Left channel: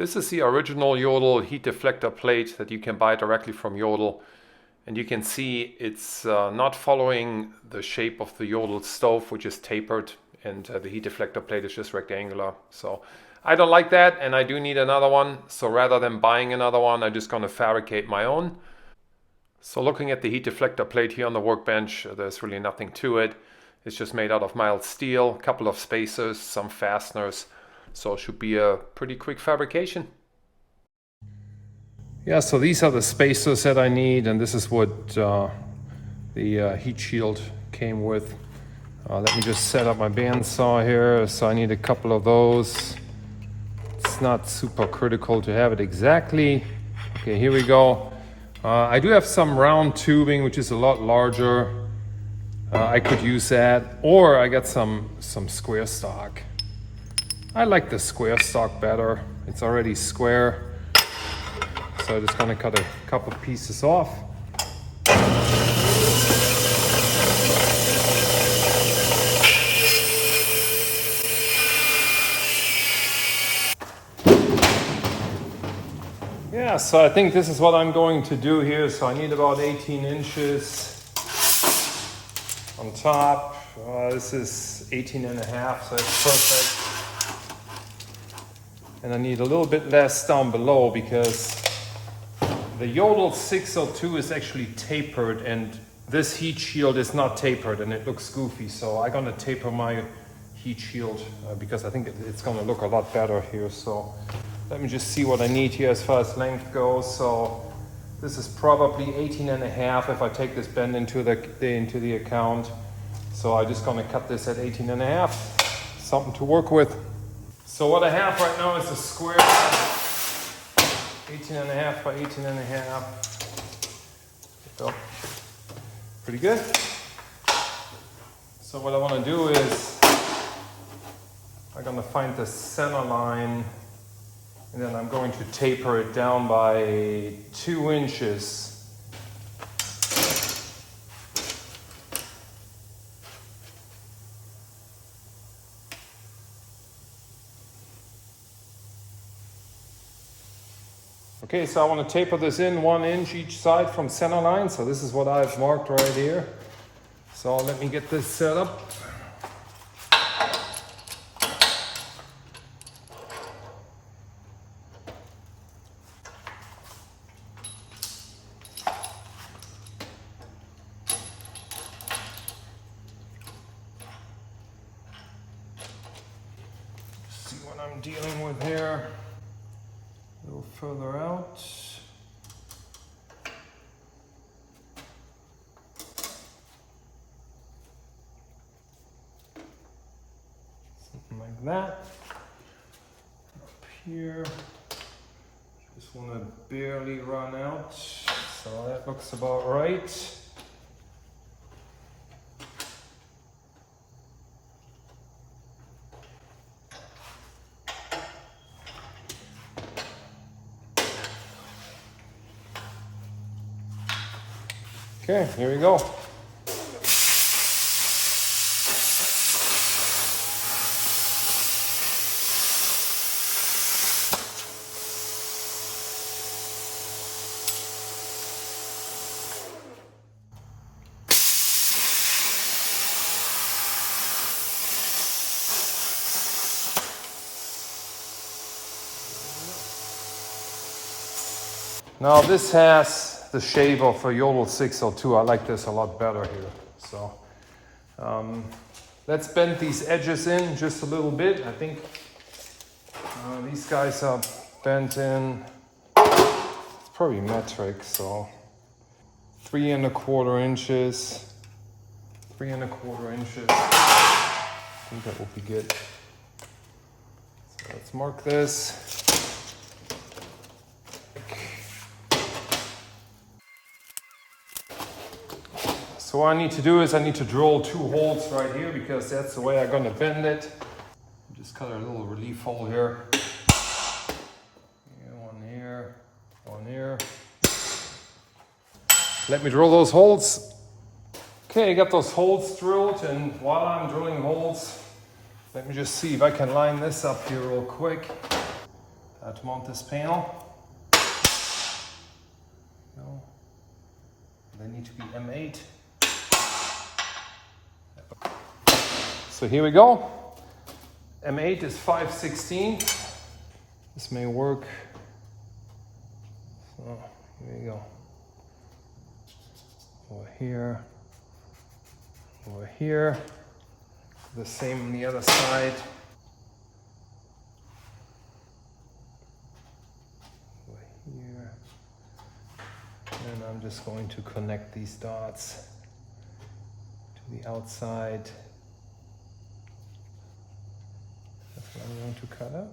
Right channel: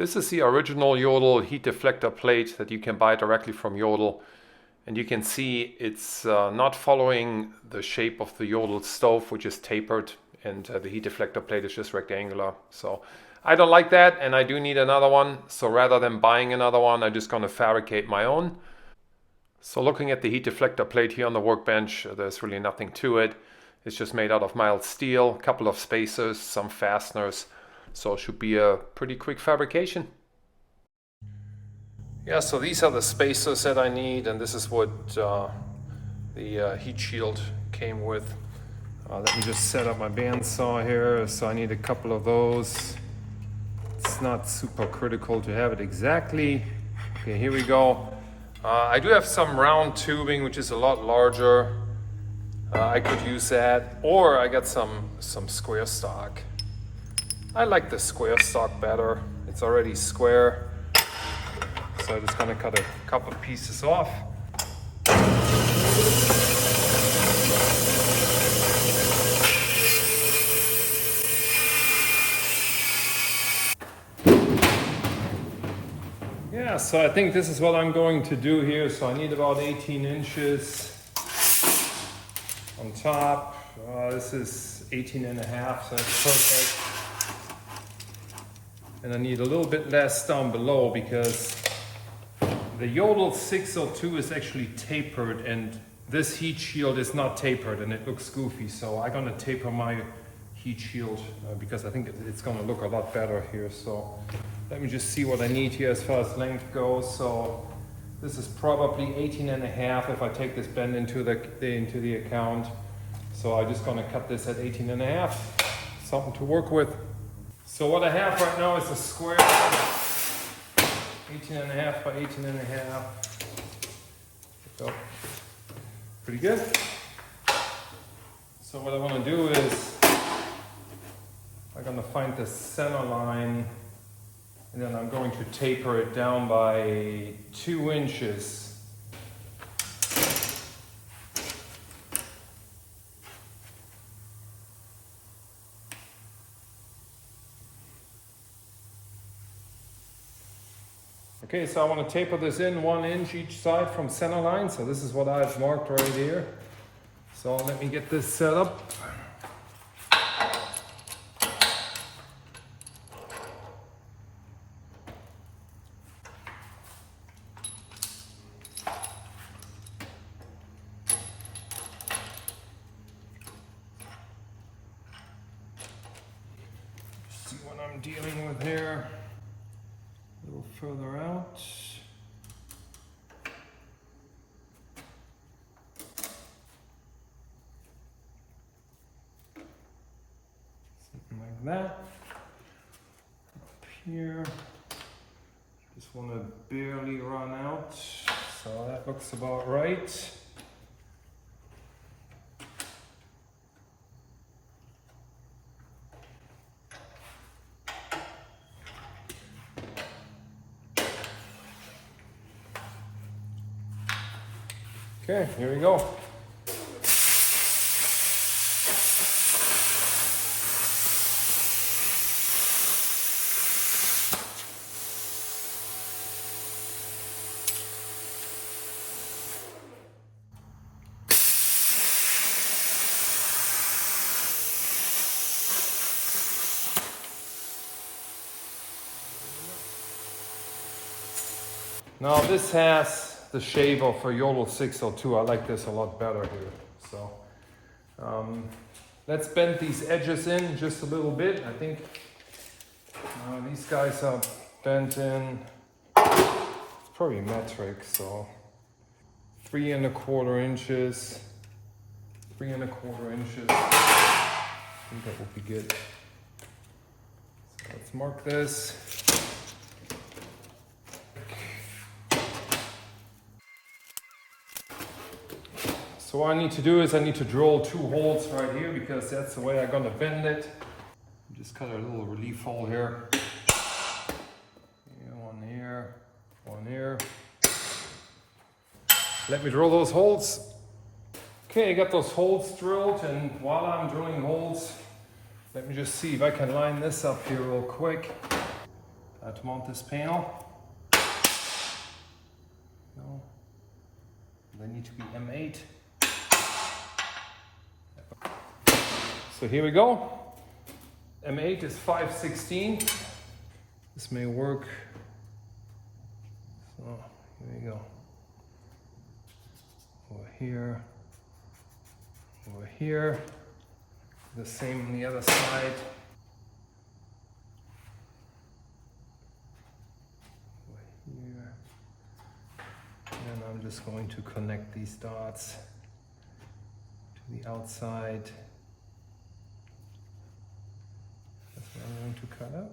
This is the original Jotul heat deflector plate that you can buy directly from Jotul. And you can see it's not following the shape of the Jotul stove, which is tapered, and the heat deflector plate is just rectangular. So I don't like that, and I do need another one. So rather than buying another one, I'm just going to fabricate my own. So looking at the heat deflector plate here on the workbench, there's really nothing to it. It's just made out of mild steel, a couple of spacers, some fasteners. So it should be a pretty quick fabrication. Yeah, so these are the spacers that I need, and this is what the heat shield came with. Let me just set up my bandsaw here. So I need a couple of those. It's not super critical to have it exactly. Okay, here we go. I do have some round tubing, which is a lot larger. I could use that, or I got some square stock. I like the square stock better. It's already square. So I'm just going to cut a couple pieces off. Yeah, so I think this is what I'm going to do here. So I need about 18 inches on top. This is 18 and a half, so that's perfect. And I need a little bit less down below because the Jotul 602 is actually tapered, and this heat shield is not tapered, and it looks goofy. So I'm gonna taper my heat shield because I think it's gonna look a lot better here. So let me just see what I need here as far as length goes. So this is probably 18 and a half if I take this bend into the account. So I'm just gonna cut this at 18 and a half. Something to work with. So what I have right now is a square 18 and a half by 18 and a half. So, pretty good. So what I want to do is I'm going to find the center line, and then I'm going to taper it down by 2 inches. Okay, so I want to taper this in 1 inch each side from center line. So this is what I've marked right here. So let me get this set up. See what I'm dealing with here. A little further out. Something like that. Up here. Just want to barely run out. So that looks about right. Okay, here we go. Now this has the shape of a Jotul 602. I like this a lot better here. So let's bend these edges in just a little bit. I think these guys are bent in. It's probably metric, so 3 1/4 inches. 3 1/4 inches. I think that will be good. So let's mark this. So what I need to do is I need to drill 2 holes right here because that's the way I'm going to bend it. Just cut a little relief hole here. One here, one here. Let me drill those holes. Okay, I got those holes drilled, and while I'm drilling holes, let me just see if I can line this up here real quick. to mount this panel. No, they need to be M8. So here we go. M8 is 5/16. This may work. So there you go. Over here. Over here. The same on the other side. Over here. And I'm just going to connect these dots to the outside. That's what I'm going to cut out.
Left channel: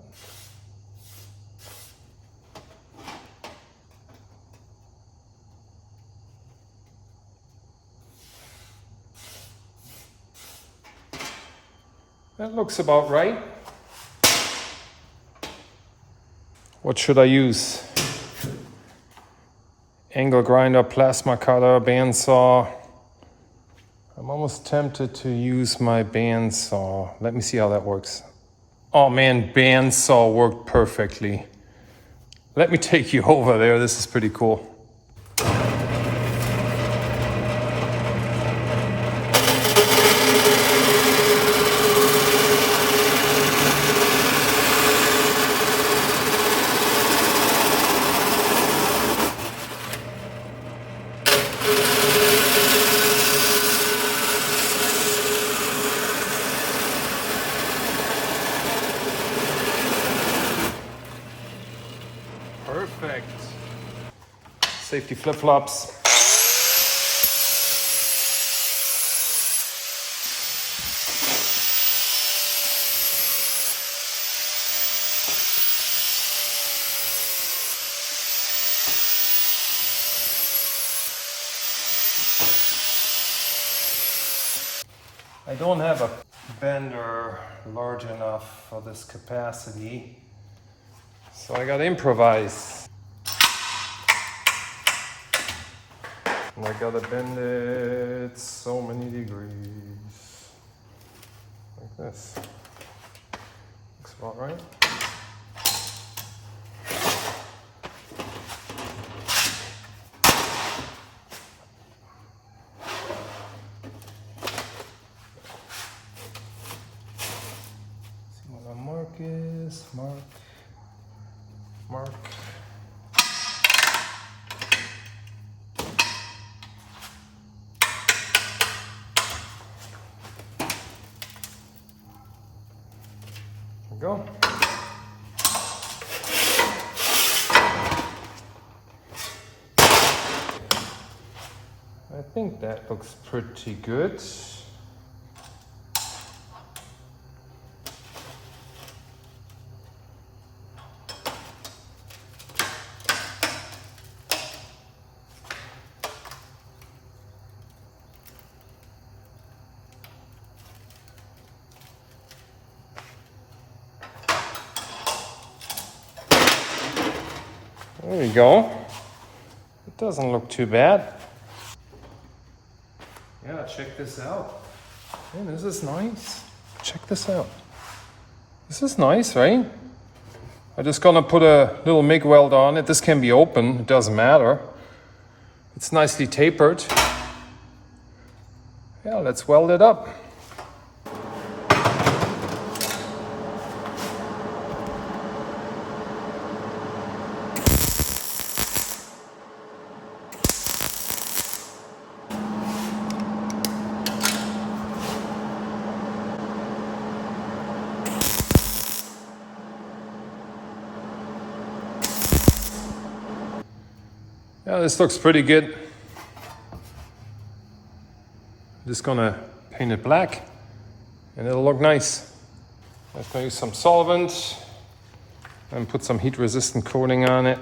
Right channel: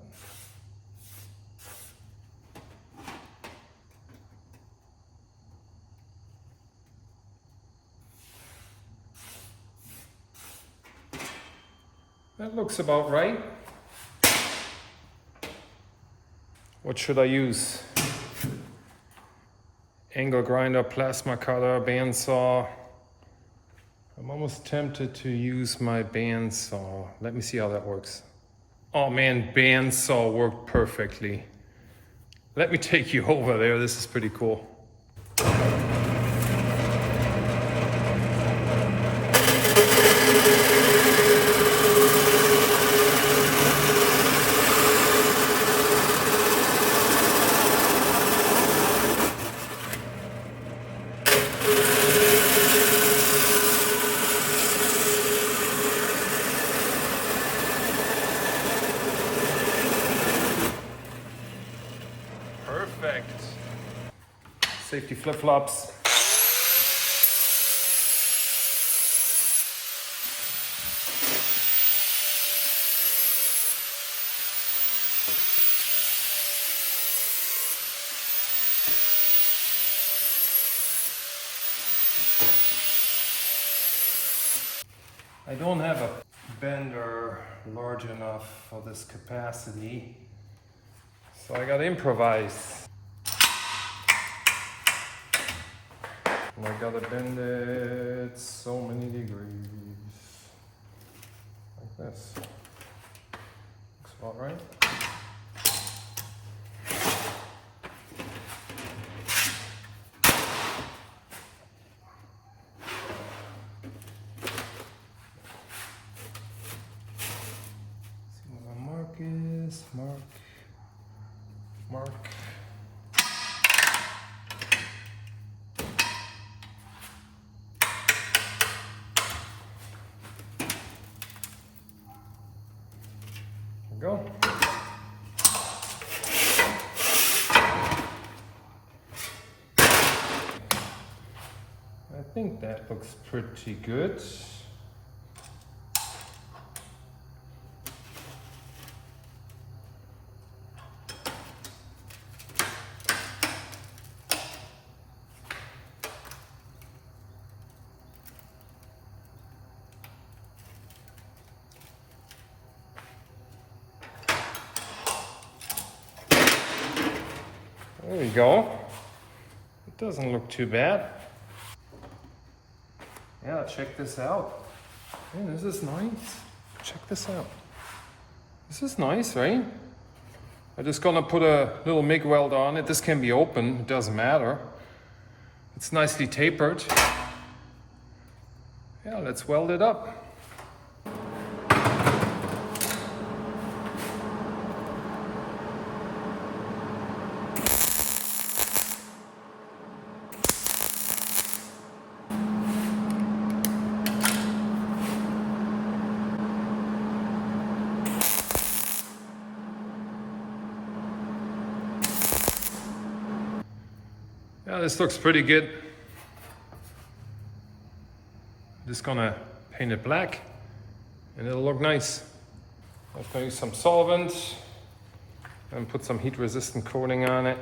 That looks about right. What should I use? Angle grinder, plasma cutter, bandsaw. I'm almost tempted to use my bandsaw. Let me see how that works. Oh man, bandsaw worked perfectly. Let me take you over there. This is pretty cool. Safety flip-flops. I don't have a bender large enough for this capacity, so I gotta improvise. And I gotta bend it so many degrees. Like this. Looks about right. See what my mark is. Mark. Go. I think that looks pretty good. There we go. It doesn't look too bad. Yeah, check this out. Hey, this is nice. Check this out. This is nice, right? I'm just gonna put a little MIG weld on it. This can be open, it doesn't matter. It's nicely tapered. Yeah, let's weld it up. Yeah, this looks pretty good. Just gonna paint it black and it'll look nice. I'm gonna use some solvent and put some heat resistant coating on it.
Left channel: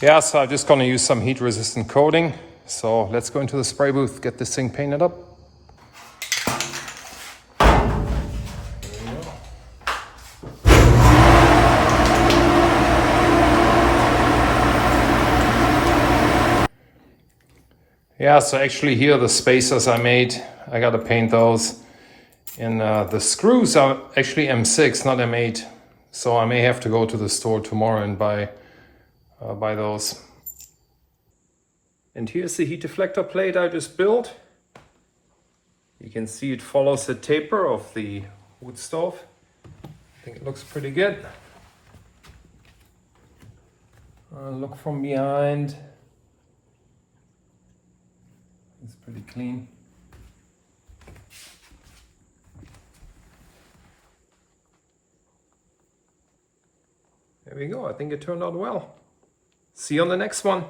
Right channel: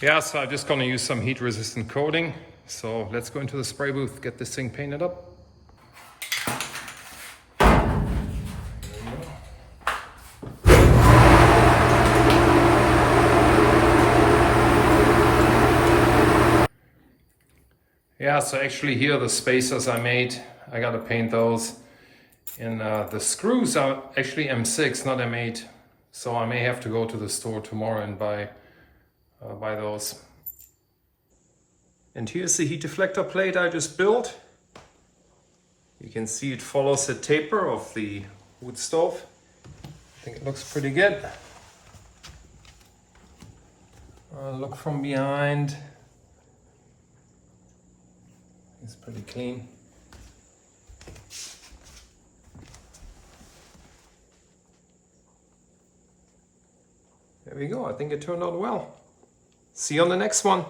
Yeah, so I'm just gonna use some heat resistant coating. So let's go into the spray booth, get this thing painted up. Yeah, so actually here the spacers I made, I gotta paint those. And the screws are actually M6, not M8. So I may have to go to the store tomorrow and buy those. And here's the heat deflector plate I just built. You can see it follows the taper of the wood stove. I think it looks pretty good. Look from behind. It's pretty clean. There we go. I think it turned out well. See you on the next one.